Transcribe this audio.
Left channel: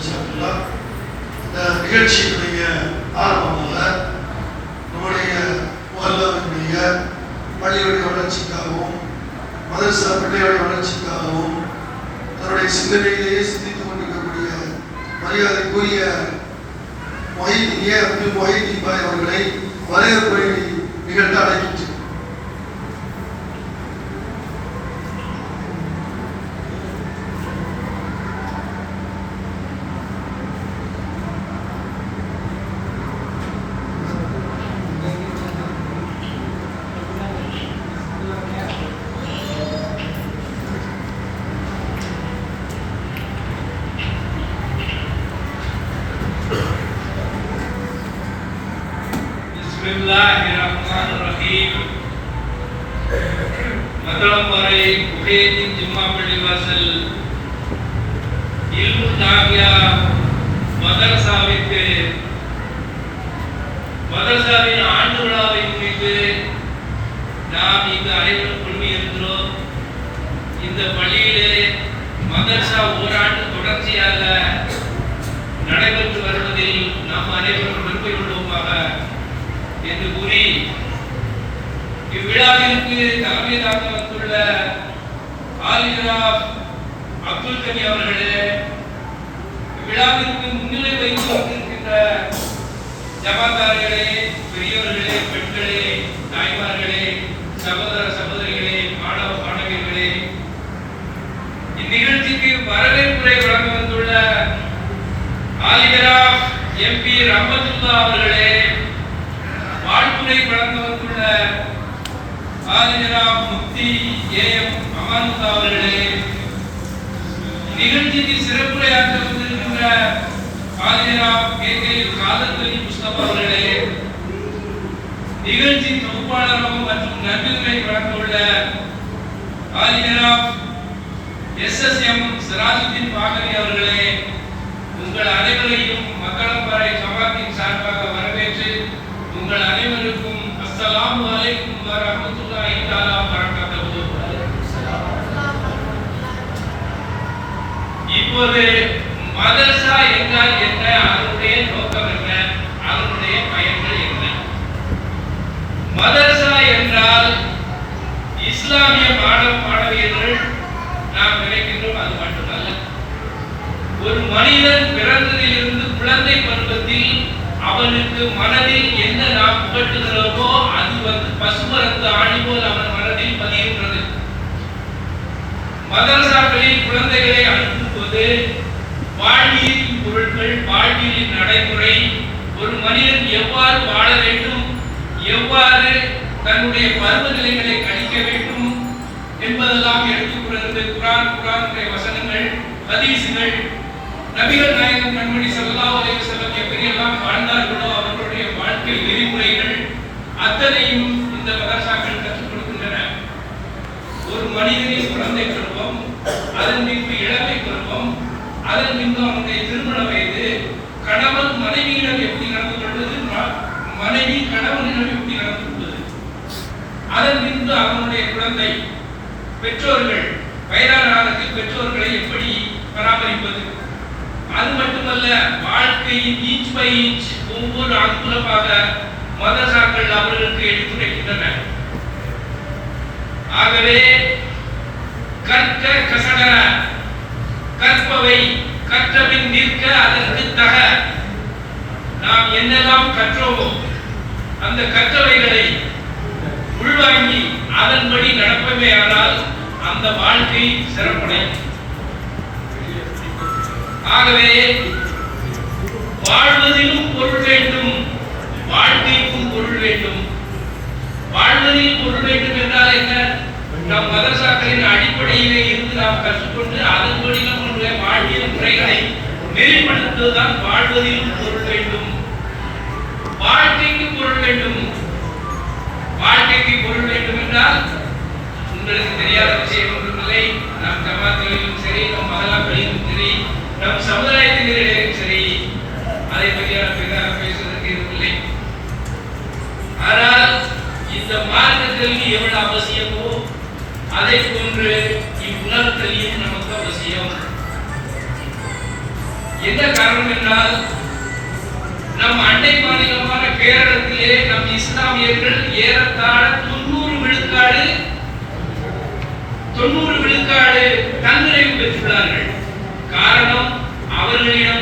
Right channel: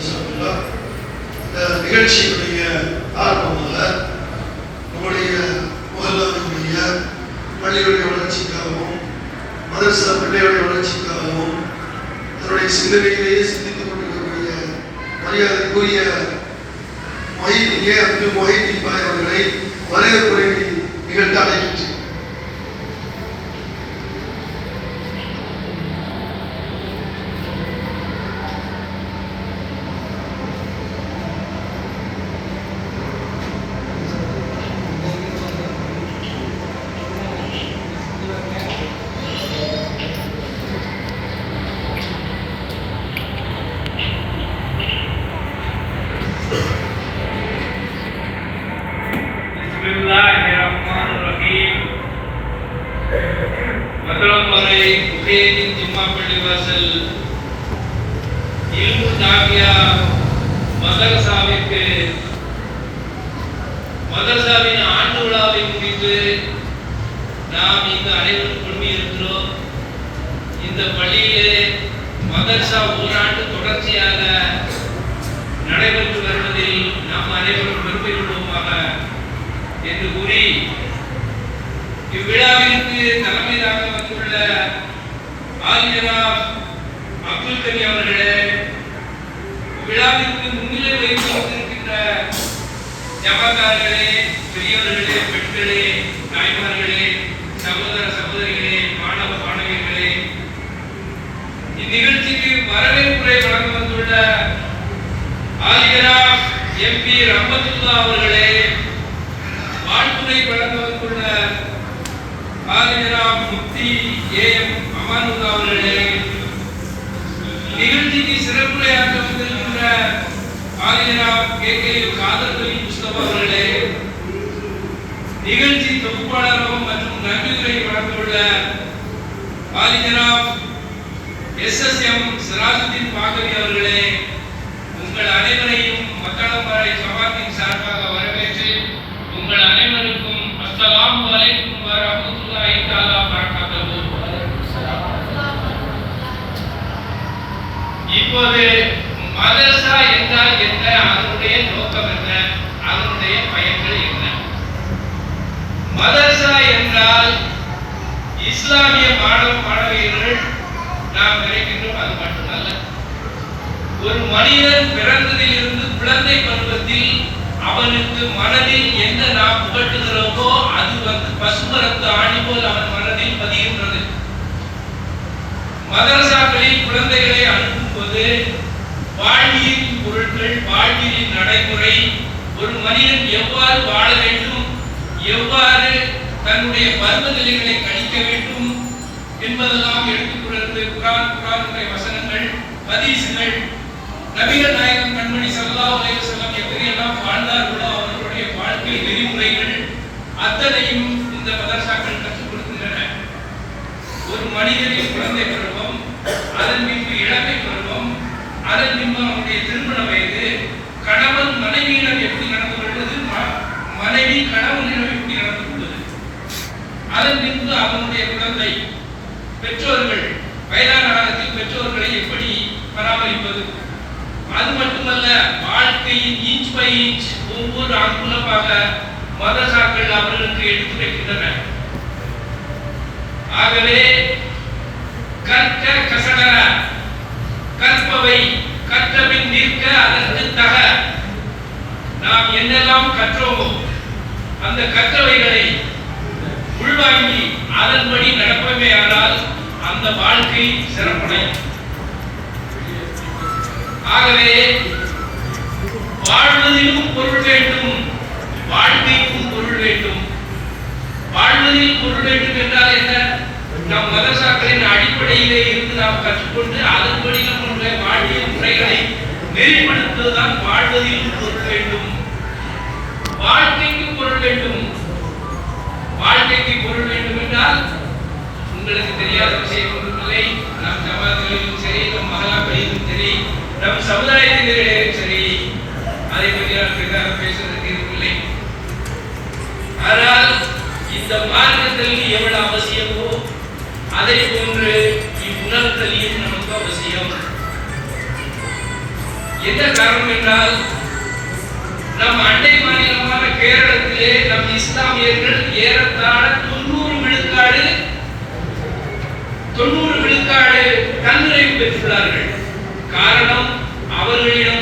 இந்த நிகழ்ச்சியினுடைய ஆர்வமாக நம்முடைய முகல்லாவினுடைய பள்ளியுடைய வளர்ச்சிக்காகவும் மதரசா பிள்ளையுடைய வளர்ச்சிக்காகவும் தன்னுடைய சிந்தனையிலேயே சிந்தித்துக் கொண்டிருக்கக்கூடிய மரியாதைக்குரிய மொஹிதீன் பாய் அவர்களை வரவேற்புரை நிகழ்த்த அழைக்கின்றேன். Bismillahirrahmanirrahim. Makalam Marai Muhyiddin Jumma Pallivasal Ilmu Dawiya Madrasaவிற்கு மதரசாவின் ஆண்டு விழாவை முன்னிட்டு நாம் இங்கு அனைவரும் குழுமியிருக்கிறோம். இந்த பள்ளியிலே மதரசா ஓராண்டு தொடர்ச்சியாக நடைபெற்று வருவதில் நாம் அனைவரும் பெருமை கொள்வோமாக என்று கூறி இவ்விழாவிற்கு தலைமையாக வந்துள்ள ஆலிஜனாப் அப்துல் கனி அவர்களே, இவ்விழாவிற்கு முன்னிலை வைத்து வந்திருக்கின்ற ஜமாத்தார்களே, பெரியவர்களே, பெண்களே, தாய்மார்களே, சகோதர சகோதரிகளே, மாணவ மாணவியர்களே, இந்நிகழ்ச்சிக்கு வரவேற்புரை வழங்க வந்துள்ள ஆலிஜனாப் எம்பி ரஹ்மத்துல்லா அவர்களே, வாழ்த்துரை வழங்க வந்துள்ள ஆலிஜனாப் முஃப்தி ஏஎம் அமானுல்லா அவர்களே, நிகழ்ச்சிக்கு சிறப்புரையாற்ற வந்திருக்கின்ற ஆலிஜனாப் கேகே காதர் கலீம் முஸ்தபா அவர்களே, நிகழ்ச்சி தொகுப்பாளரும் மற்றும் நன்றியுரை வழங்கியுள்ள ஆலிஜனாப் எஸ்எஸ்எம் சிராஜுதீன் பாகவி அவர்களே, உங்கள் அனைவரையும் மக்களம்பாறை ஜமாத்தின் சார்பாக வரவேற்று உங்கள் அனைவருக்கும் அஸ்ஸலாமு அலைக்கும் வரஹ்மத்துல்லாஹி தஆலா வபரகாத்துஹு. இப்போது மதரசா என்றால் என்ன, அதனுடைய நோக்கம் என்ன, அதனுடைய பயன்கள் என்ன? மதரசா என்றால் இஸ்லாமிய மாணவ மாணவியர்கள் நாம் நினைக்கின்றோம். அது மட்டுமல்ல, ஒரு மனிதன் பிறந்ததிலிருந்து குழந்தை பருவத்தில் அவனுக்கு மனதில் என்ன நாம் புகட்டுகிறோமோ அது பசுமரத்து ஆணி போல் அவன் மனதில் பதிகின்றது. மதரசாக்களில் குழந்தைகளை அனுப்பும்போது வாழ்வியலின் பொருட்கள், வாழ்வியலின் நடைமுறை, ஒரு மனிதன் எவ்வாறு வாழ வேண்டும், எவ்வாறு தன்னுடைய பருவ நிலைகளை கணிக்க வேண்டும் என்பதெல்லாம் எடுத்துக்கொண்டு குர்ஆனுடைய வசனங்கள், ஹதீஸ்கள், நபிகள் நாயகம் கண்மணி ஸல்லல்லாஹு அலைஹி வஸல்லம் எப்படியெல்லாம் வாழ்ந்தார்களோ அவர்களுடைய வாழ்க்கை நெறிமுறைகள் அத்தனையும் இந்த மதரசாக்கள் கற்றுக் கொடுக்கின்றன. ஒரு மனிதனின் குழந்தை பருவம், அதன் பின்பு இளமை பருவம், அதன் பின்பு அவனுடைய திருமண வயது, கணவன் மனைவியிடம் எப்படி நடந்து கொள்வது, மனைவி கணவனிடம் எப்படி நடந்து கொள்வது, அதன் பின்பு அவனுடைய குழந்தை, பெற்றோர்கள் வயதான காலத்தில் பெற்றோர்களை எப்படி பராமரிப்பது, அது மட்டுமல்ல வாழ்க்கையின் இன்ச் பை இன்ச் ஒவ்வொரு அங்குலமாக மதரசாக்கள் அவர்களுக்கு எடுத்துரைக்கின்றன. ஆகவே கற்க கசடர, கற்பவை கற்றபின் நிற்க அதற்கு தக, நாம் என்னெல்லாம் கற்றோமோ அந்த கற்றவைகளை உள்வாங்கி அதன்படி நடப்பவே ஆனால் அந்த வாழ்க்கை சிறப்படையும். ஆகவே வாழ்வதிலும் பொருள் வேண்டும், வாழ்க்கைக்கும் பொருள் வேண்டும். வாழ்வதில் பொருள் வேண்டும் என்றால் என்ன? நம் மதரசாக்களின் அடிப்படையிலே இருந்து நாம் கற்றுக்கொண்டு அதன்படி நம்முடைய வாழ்வியல் முறைகளை நெறிப்படுத்துவதுதான் வாழ்வதிலும் பொருள் வேண்டும். வாழ்க்கைக்கு பொருள் வேண்டும். வாழ்க்கைக்கு பொருள் வேண்டும் என்றால் உங்களுக்கு தெரியாத விஷயம் ஒன்றுமில்லை. நம் ஜமாத்திலும் சரி, நம் மகளாக்களிலும் சரி, நம் சமுதாயத்தினரிடையும் சரி, அதை பற்றியான பெரிதாக பேசுவதற்கு இருக்கவில்லை. ஆனால் இந்த மார்க்க கல்வி எவ்வளவு அவசியமோ அதை போன்று இவ்வுலக கல்வியும் நமக்கு அவசியம். என்ன காரணம் என்றால் நம் அண்டை மாநிலமான கேரளத்திலே நம் இஸ்லாமியர்கள் ஏறத்தாழ 90 விழுக்காடு தன்னிறைவு பெற்றுள்ளார்கள். காரணம் அவர்களிடம்